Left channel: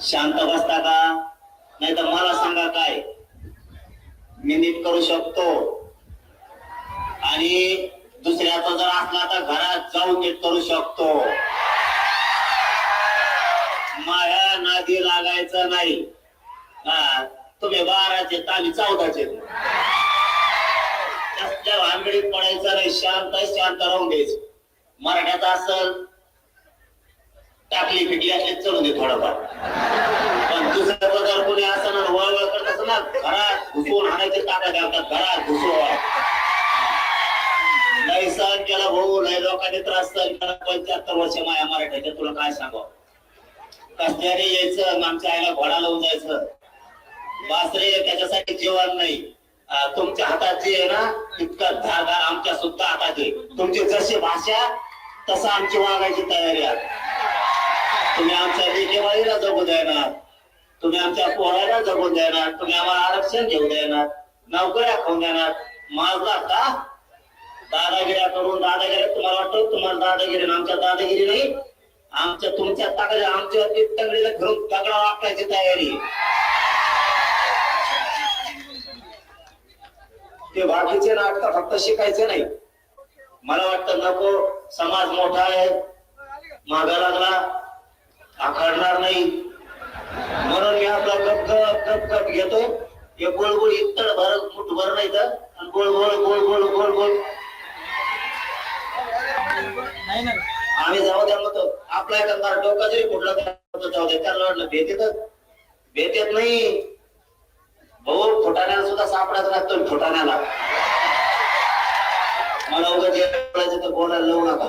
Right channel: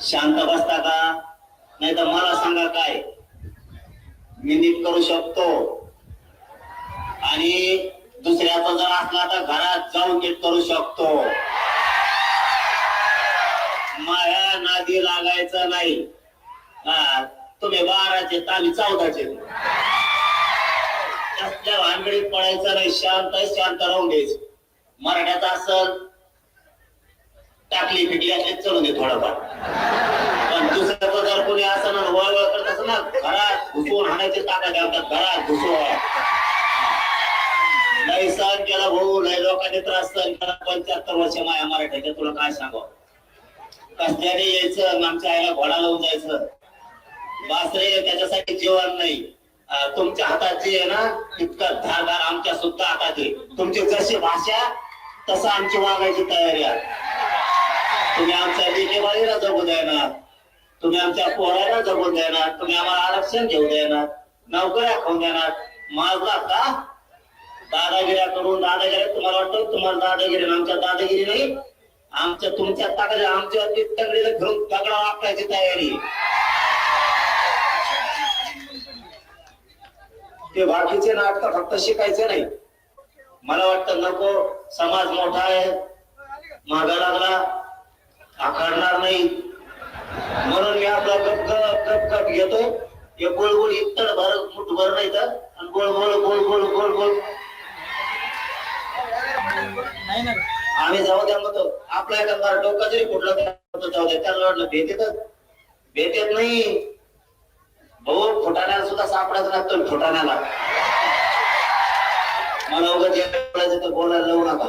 शांत बसता का? नाही तर मला सांगा काय? मी नीट करू शकतो. आणि दुसऱ्याचा जर असला तर घरात जाऊन नीट करू शकतो. माया नादी लागायचं नाही. हा, तुम्ही बाराचे ताली आम्ही चौदाचे. त्याच्या भानगडीत पडायचं नाही शांत शांत राहून घ्यायचं. मराठ्यात असल टाकली फिटली असली चढून दे थोडाफार. पण दुसऱ्याचं जर कोणी असं ना वळवळ करत असणार घरात घुसवून हाणायचे ताकद घालतात घरात घुसून नाही सहन केला भाऊ नाही लोकांनी त्रास सहन केला पंच्याहत्तर वर्ष माया मराठ्याच्या तुला काय सांगाव कसल्याने यायचं आमच्या आईला घोडा लावून जायचं. बासरे त्याच्यासाठी जेवण नाही. तुमच्या हातात जे आहे ना तितकं धारदार आमच्या सुद्धा हातात आहे तुमची जशी भाषा तसं आमची वागायची तयारी आहे. तुम्ही आमच्या लेकेबाळीला जगू देणार. तुम्ही आमच्या पोराला जगून देणार. तुम्ही आम्हाला आरक्षण घेऊ देणार. नोकऱ्या खाऊन देणार. माझा का दादागिऱ्या करून दादागिरी तुम्हाला वाटतं तुम्हाला दादागिरी आमच्या दादागिरी नाही? आमच्या तुमच्या ताकद आमच्या तगडीला घेऊन तगडा वापरायची तयारी. ते बाकीचे नाटक फक्त शिकायचे नाही. मला वाटतं नको. समाज मोठा आहे. मागा लागला. आखडणार नाही. म्हणून मी आपला गप गप घेतो. हे गोळ गोळ इतड भर मुठ भर नाही तर गोळ गोळ गोळ गोळ गोळ गोळ आम्ही जाऊ द्या म्हणतो आपला एखादा डोका जरी कुठला जाऊ द्या. त्याला वाटलं भेट येतात भेट येत नाही. हो फुटाण्याला सुद्धा सापडायचं लागतो फुटाण्याला. मला उगाच बोलायला लावू नका.